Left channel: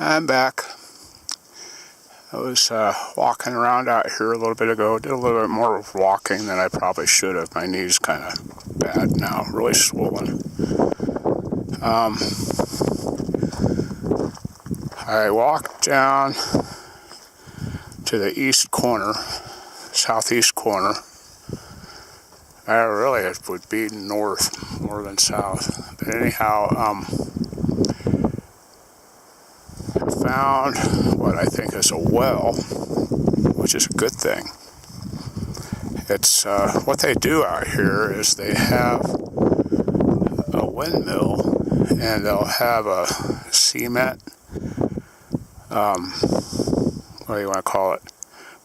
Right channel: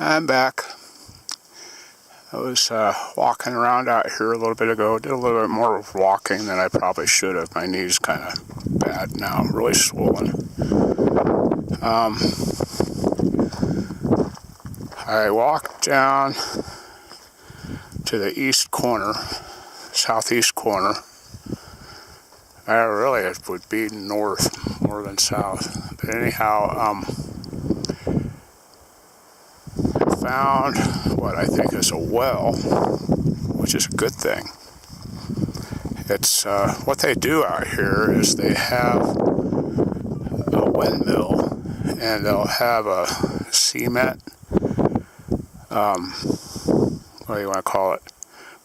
I'm back. I was walking around out here a little bit ago. Did a little bit more walking than I probably should have. My knee's kind of bad now, really swollen. I walked down to the east corner, southeast corner. Really, it would be north more than south. But anyhow, I found what I think is a well, which is a good thing. It's what they do out here is they have a windmill, and they'll have a cement, what do you want to call it,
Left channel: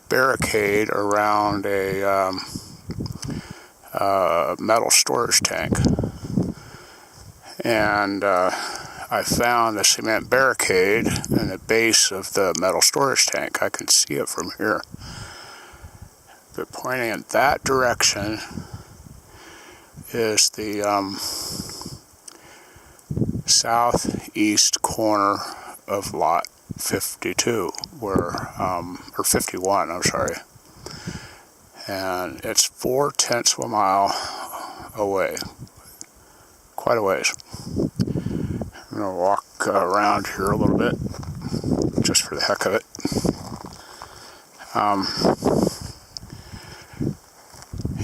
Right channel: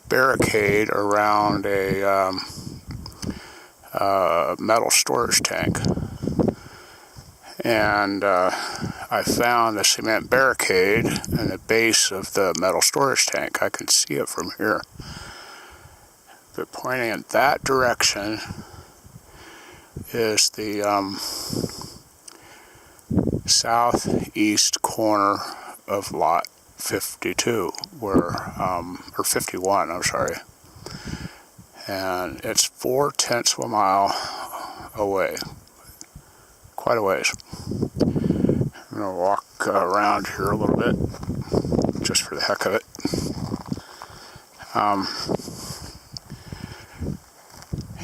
barricade around a metal storage tank. And I found the cement barricade in the base of the metal storage tank. I can see it from here. But pointing in that direction is the southeast corner of lot 52, or 51, I'm sorry. And it's 0.4 of a mile away. Quite a ways. I'm going to walk around here a little bit, just for the heck of it.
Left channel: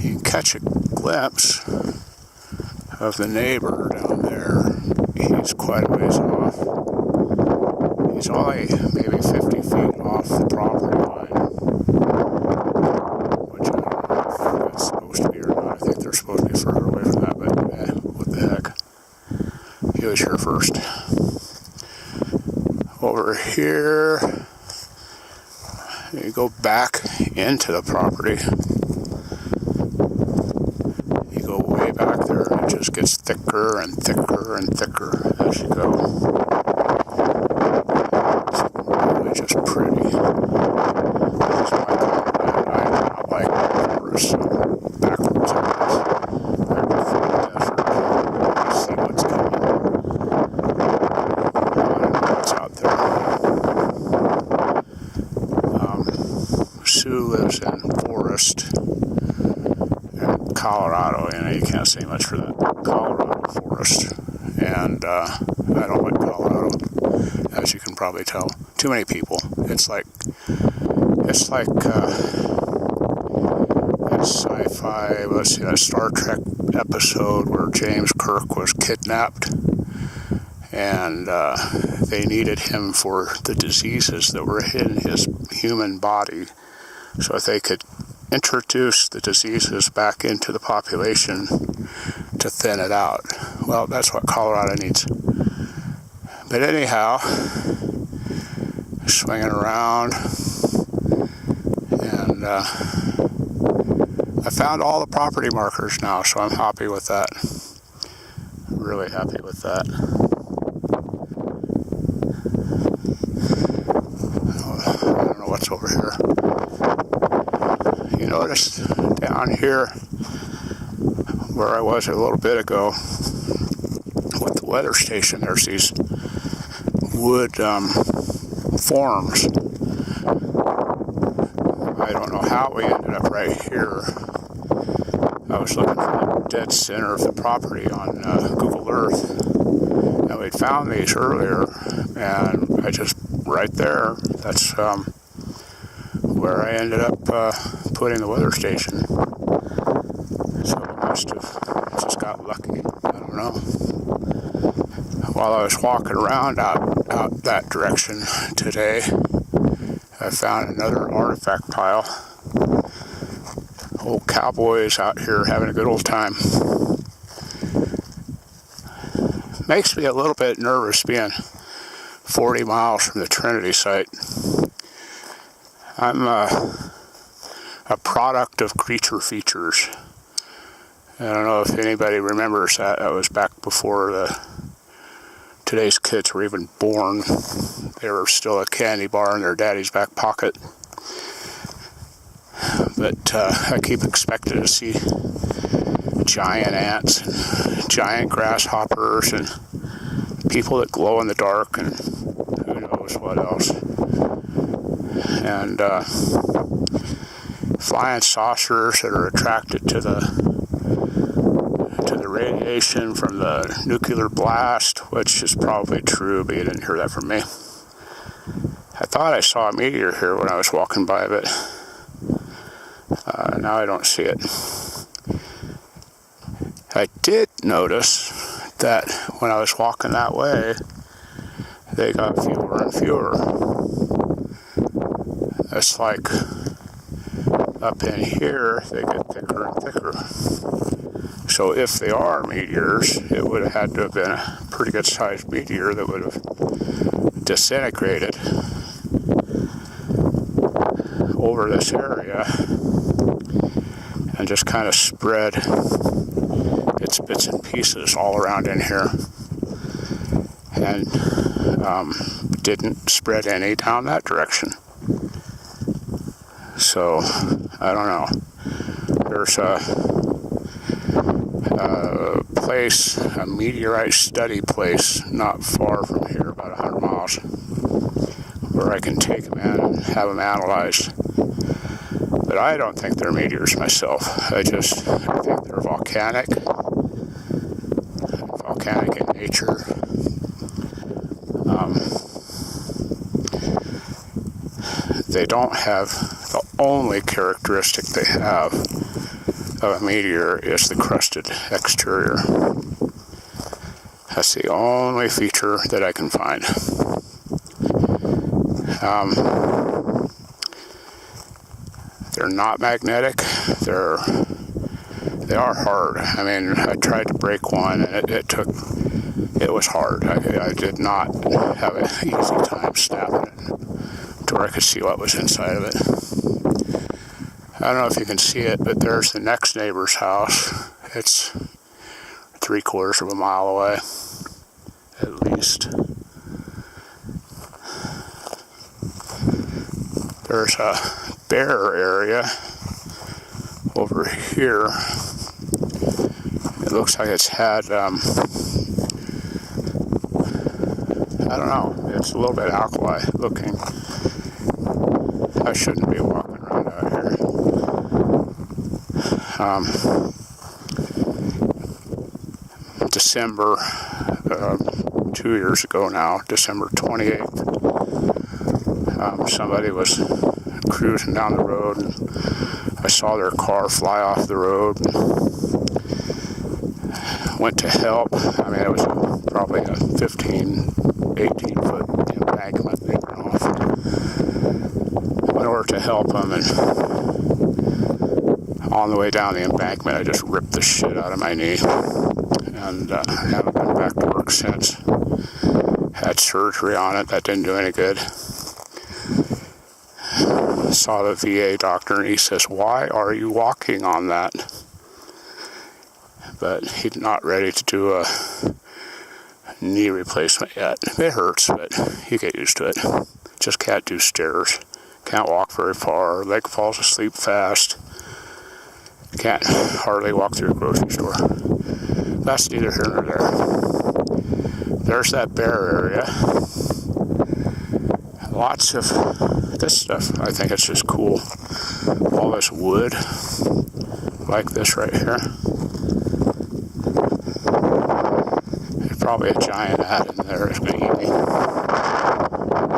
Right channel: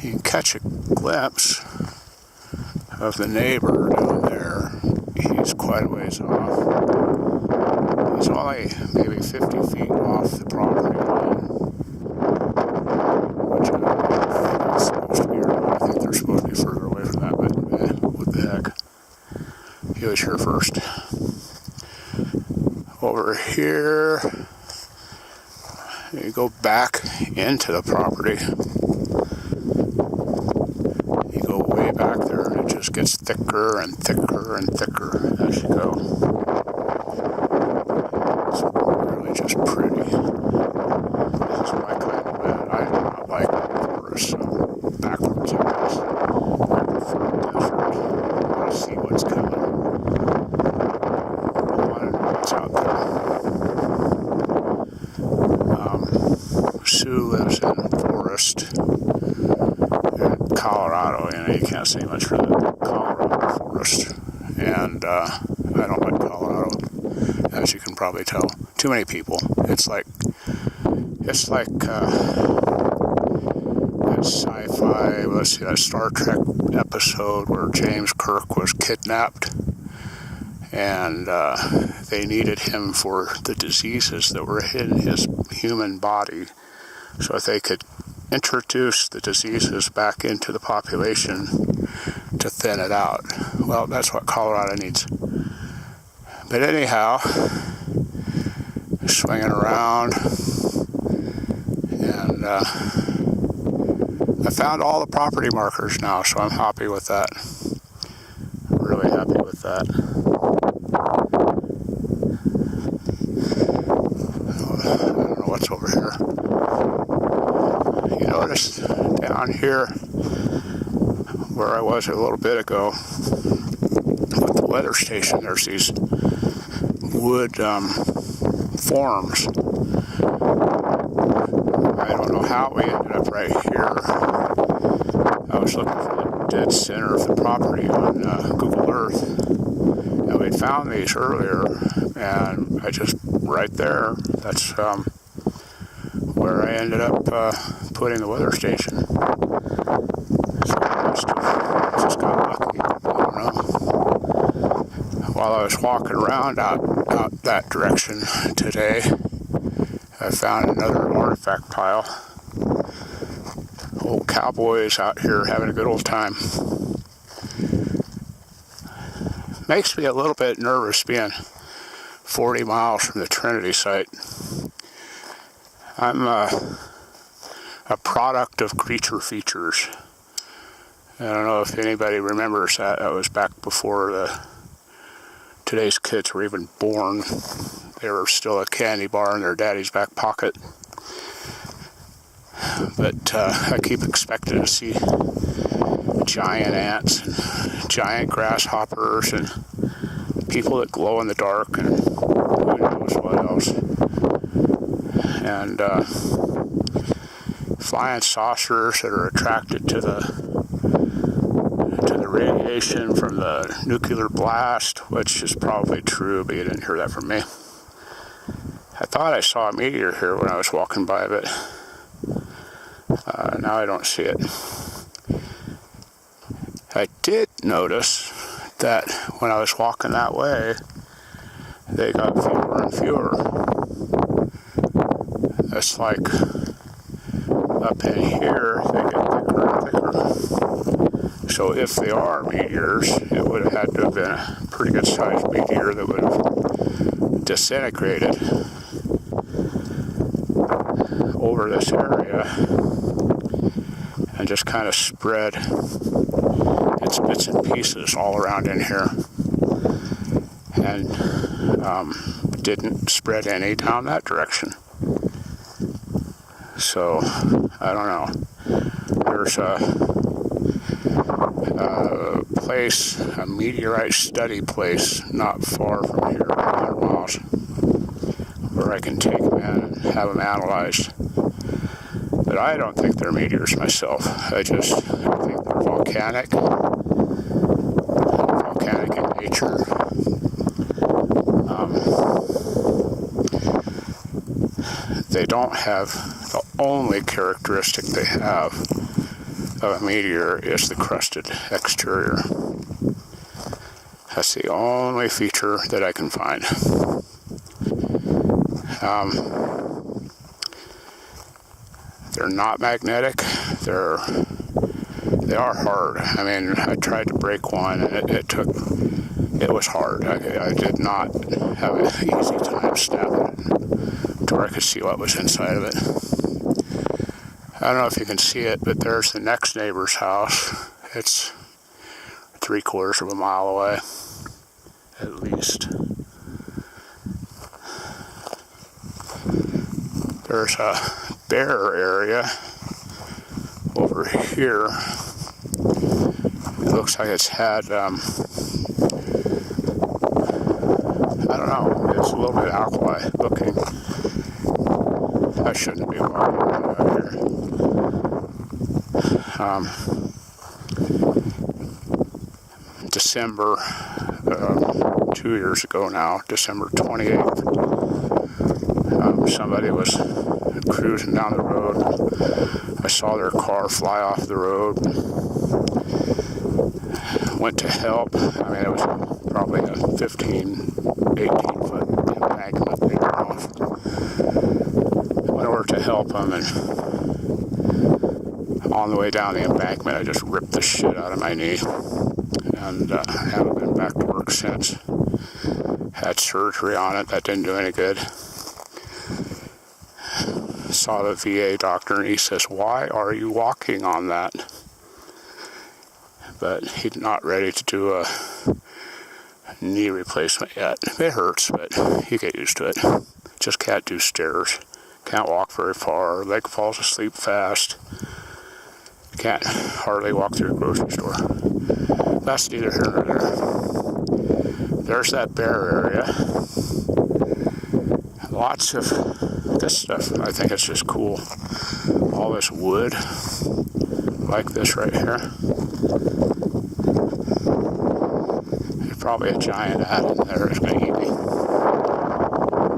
You can catch a glimpse of the neighbor down there. He's quite a ways off. He's only maybe 50 feet off the property line, which I don't know if that's supposed to be or not. I think they're supposed to be further away from that, but what the heck. He was here first. Over here, you go back into the property. You go way back there, and it just gets thicker and thicker and thicker as you go. It's really just pretty. This is my kind of bed. I do not like forests, backwards, I guess. I prefer the desert. I want to see what's coming. I want to know what's out there. Sue lives in Forest in Colorado. You can't say much for that. Colorado Forest. And I don't like Colorado, as you can probably tell. Too many people. It's like that sci-fi, let's see, that Star Trek episode where James Kirk was kidnapped, and they needed him for the diseases that were in his human body, so that they could introduce the diseases back into the population to thin it out. Well, that's what Colorado needs. But anyhow, swinging around, and I found all the property markers now, so I'm happy with that. Really happy with that. I don't know what's over here. You notice down here where I was a little bit ago with the weather station, there's these wood forms. I don't know how we ended up right here. I was looking for the dead center of the property on Google Earth, and we'd found these earlier, and I just, right there, that's where I ended up putting the weather station. So I must have just got lucky. I don't know. While I was walking around out that direction today, I found another artifact pile. Old cowboys out here having a good old time. Makes me a little bit nervous being 40 miles from the Trinity site. I'm a product of Creature Features. I don't know if anybody remembers that. That was back before today's kids were even born. They were still a candy bar in their daddy's back pocket. But I keep expecting to see giant ants, and giant grasshoppers, and people that glow in the dark, and who knows what else. And flying saucers that are attracted to the radiation from the nuclear blast, which is probably true, but you didn't hear that from me. I thought I saw a meteor here when I was walking by, but now I don't see it. I did notice that when I was walking that way, they got fewer and fewer. It's like up in here, they get thicker and thicker. So if they are meteors, it would have had to have been a pretty good sized meteor that would have disintegrated over this area and just kind of spread its bits and pieces all around in here, and didn't spread any down that direction. So I don't know. There's a place, a meteorite study place not far from here, 100 miles, where I can take them in and have them analyzed. But I don't think they're meteors myself. I think they're volcanic in nature. They don't have, the only characteristic they have of a meteor is the crusted exterior. That's the only feature that I can find. They're not magnetic. They are hard. I mean, I tried to break one, and it was hard. I did not have an easy time snapping it to where I could see what was inside of it. I don't know if you can see it, but there's the next neighbor's house. It's 3/4 of a mile away, at least. There's a bear area over here. It looks like it's had, I don't know, it's a little bit alkali looking. I shouldn't be walking around out here. December, 2 years ago now, December 28th, somebody was cruising down the road. I saw their car fly off the road. Went to help. I mean, it was probably a 15, 18-foot embankment they were off. Went over to help them, and on the way down the embankment, I just ripped the shit out of my knee. And haven't been back to work since. Had surgery on it. That didn't do any good. Saw the VA doctor, and he says, "Why are you walking on that?" But he's not ready to do a knee replacement yet. It hurts, but you get used to it. Just can't do stairs. Can't walk very far. Leg falls asleep fast. Can't hardly walk through a grocery store. That's neither here nor there. There's that bear area. Lots of this stuff. I think it's just cool. All this wood, like this right here. There's probably a giant ant in there that's going to eat me.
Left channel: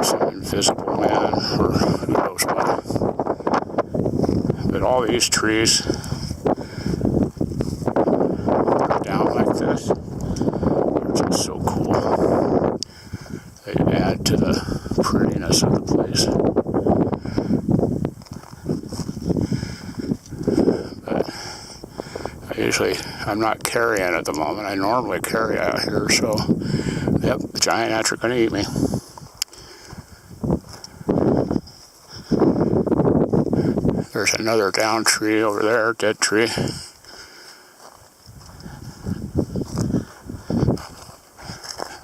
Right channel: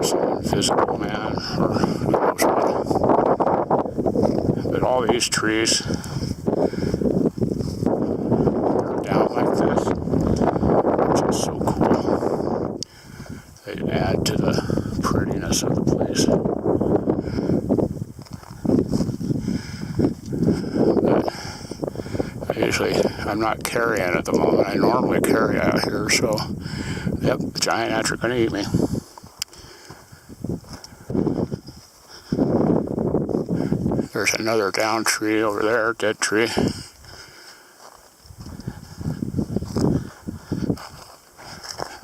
Some invisible man, or who knows what. But all these trees are down like this, which is so cool. They add to the prettiness of the place. But I'm not carrying at the moment. I normally carry out here, so yep, the giant ants are going to eat me. There's another down tree over there, dead tree.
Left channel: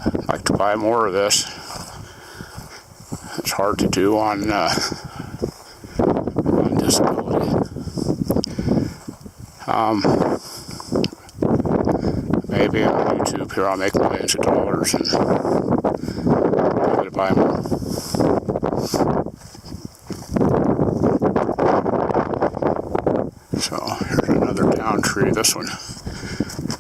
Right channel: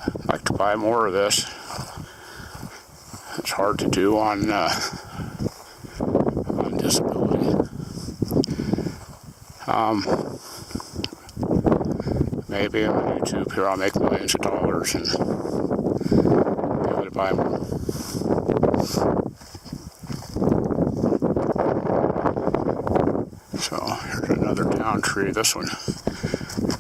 I'd like to buy more of this. It's hard to do on disability. Maybe on YouTube here I'll make millions of dollars and be able to by more. So here's another down tree. This one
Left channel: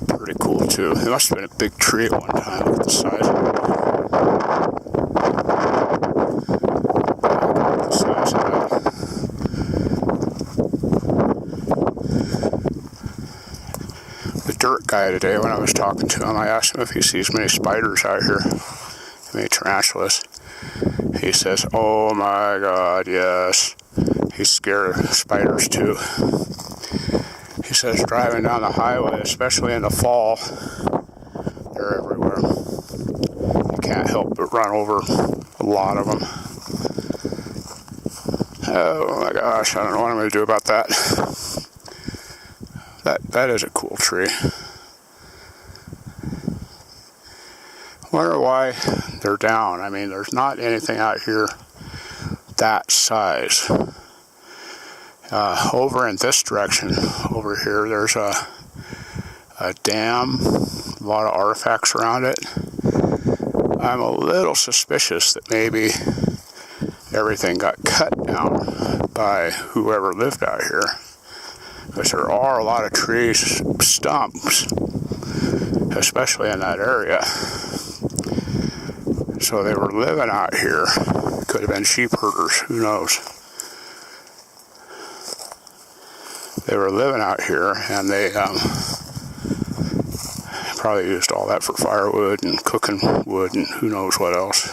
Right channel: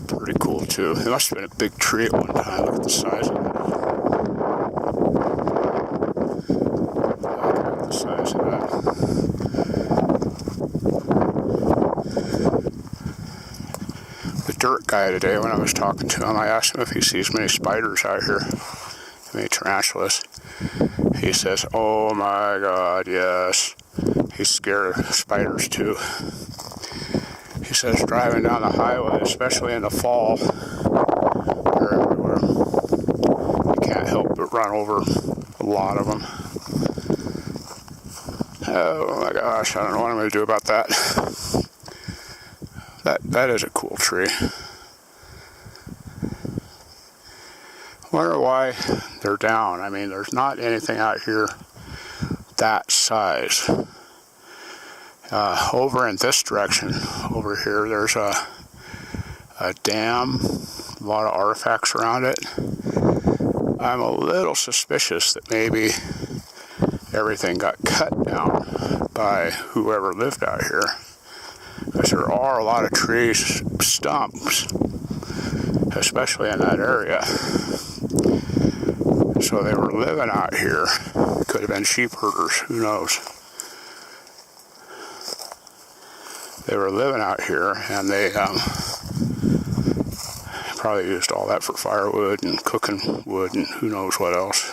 pretty cool too. It must have been a big tree at one time. Look at the size of it. Look at the size of that. The dirt guy today, when I was talking to him, I asked him if he sees many spiders out here, many tarantulas. He says, "Oh my God, yes." He's scared of spiders too. He says driving down the highway, especially in the fall, they're everywhere. You can't help but run over a lot of them. Oh my gosh, I don't know what I'm going to do about that. That is a cool tree. Wonder why they're down. I mean, there's not anything out here that size. Over in this direction, over here, there's a dam, a lot of artifacts around it. I'm a little suspicious that maybe everything got cut down by whoever lived out here, because there are a lot of trees, stumps, especially in that area. So they were living out here. Could have been sheep herders, who knows? They were living out here, and they probably used all that for firewood and cooking wood and who knows what else.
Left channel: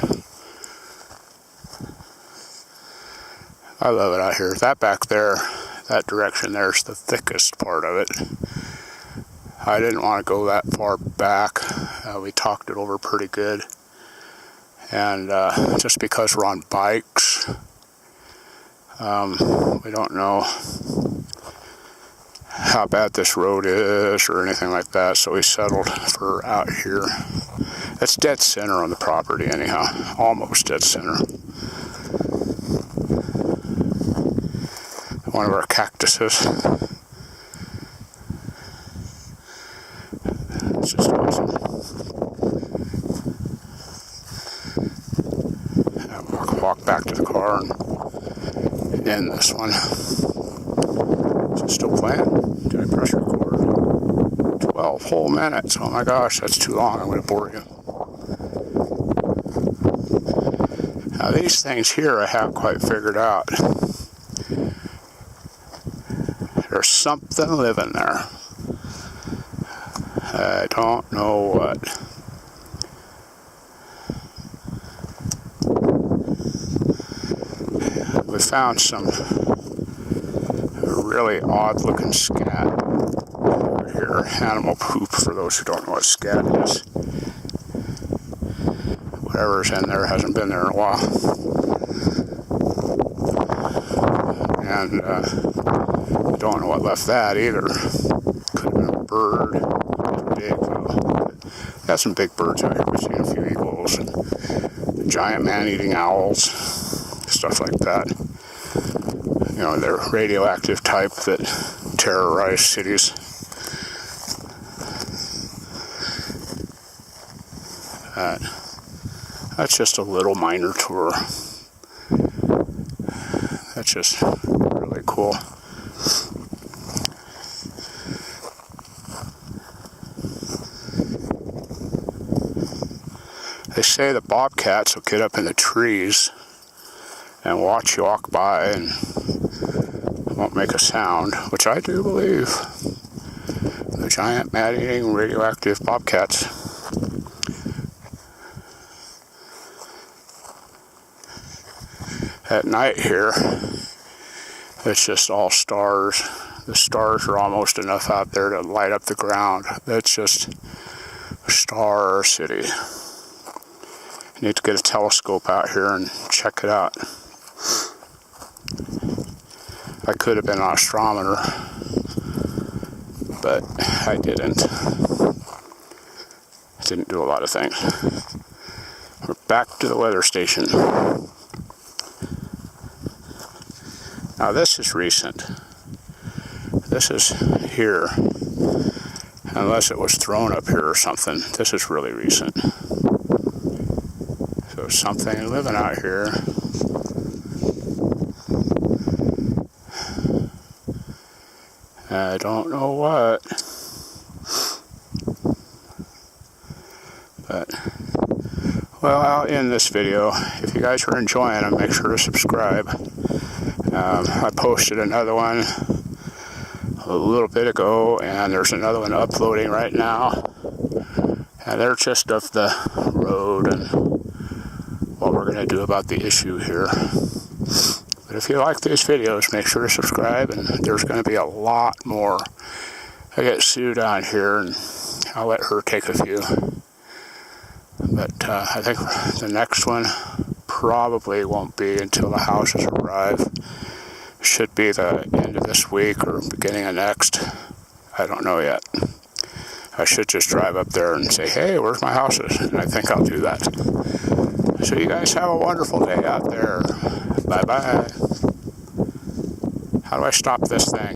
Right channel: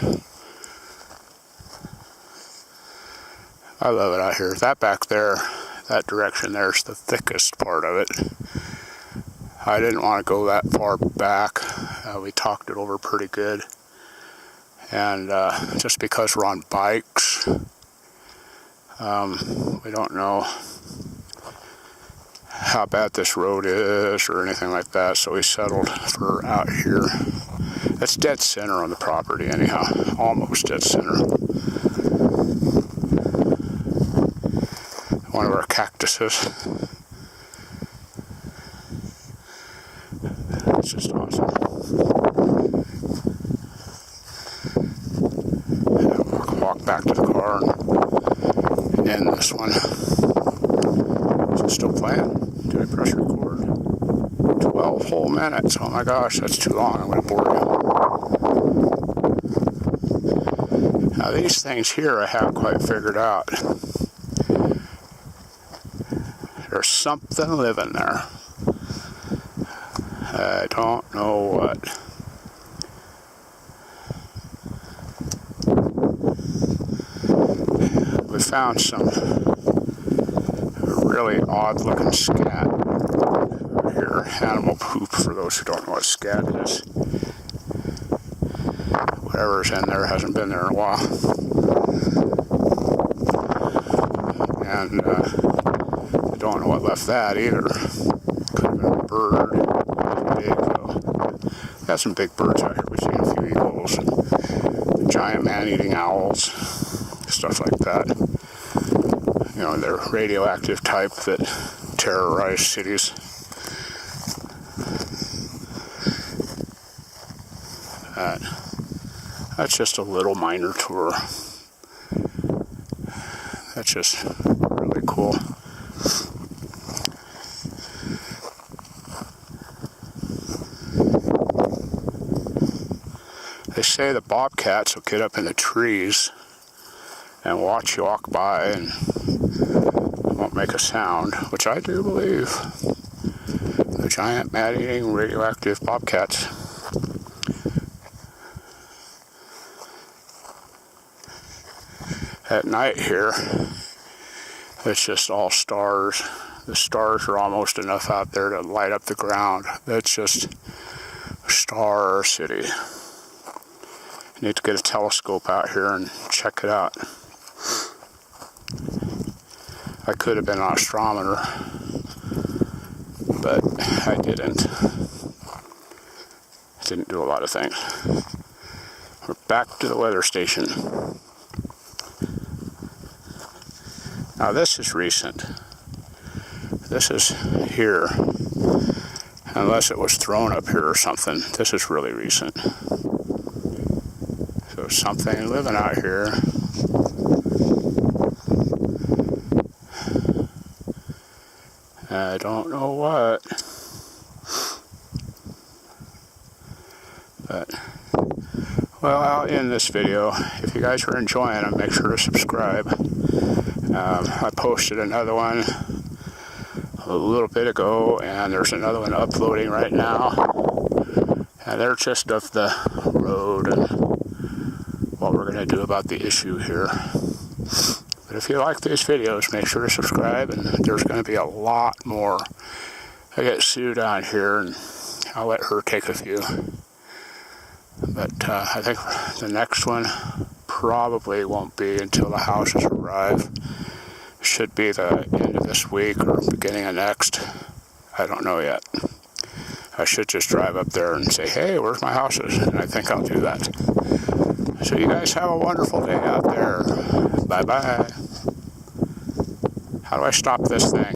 I love it out here. That back there, that direction there's the thickest part of it. I didn't want to go that far back. We talked it over pretty good. And just because we're on bikes, we don't know how bad this road is or anything like that, so we settled for out here. That's dead center on the property anyhow, almost dead center. One of our cactuses. It's just awesome. I'll walk back to the car and end this one. Is it still playing? Did I press record? 12 whole minutes. Oh my gosh, that's too long. I'm going to bore you. Now these things here I haven't quite figured out. There's something living there. I don't know what. We found some really odd looking scat over here. Animal poop, for those who don't know what scat is. Whatever's in there hasn't been there in a while. And I don't know what left that either. Could have been a bird. Big though. Got some big birds out here. We've seen a few eagles and giant man-eating owls, stuff like that. You know, they're radioactive type that terrorize cities. That's just a little minor tour. That's just really cool. They say the bobcats will get up in the trees and watch you walk by and won't make a sound, which I do believe. The giant man-eating radioactive bobcats. At night here, it's just all stars. The stars are almost enough out there to light up the ground. That's just a star city. You need to get a telescope out here and check it out. I could have been an astronomer, but I didn't. Didn't do a lot of things. We're back to the weather station. Now this is recent. This is here. Unless it was thrown up here or something. This is really recent. So There's something living out here. I don't know what. But, well, I'll end this video. If you guys are enjoying them, make sure to subscribe. I posted another one a little bit ago, and there's another one uploading right now. And they're just of the road and what we're going to do about the issue here. But if you like these videos, make sure to subscribe, and there's going to be a lot more. I get Sue down here, and I'll let her take a few. But I think the next one probably won't be until the houses arrive. Should be the end of this week or beginning of next. I don't know yet. I should just drive up there and say, hey, where's my houses? And I think I'll do that. So you guys have a wonderful day out there. Bye-bye. How do I stop this thing?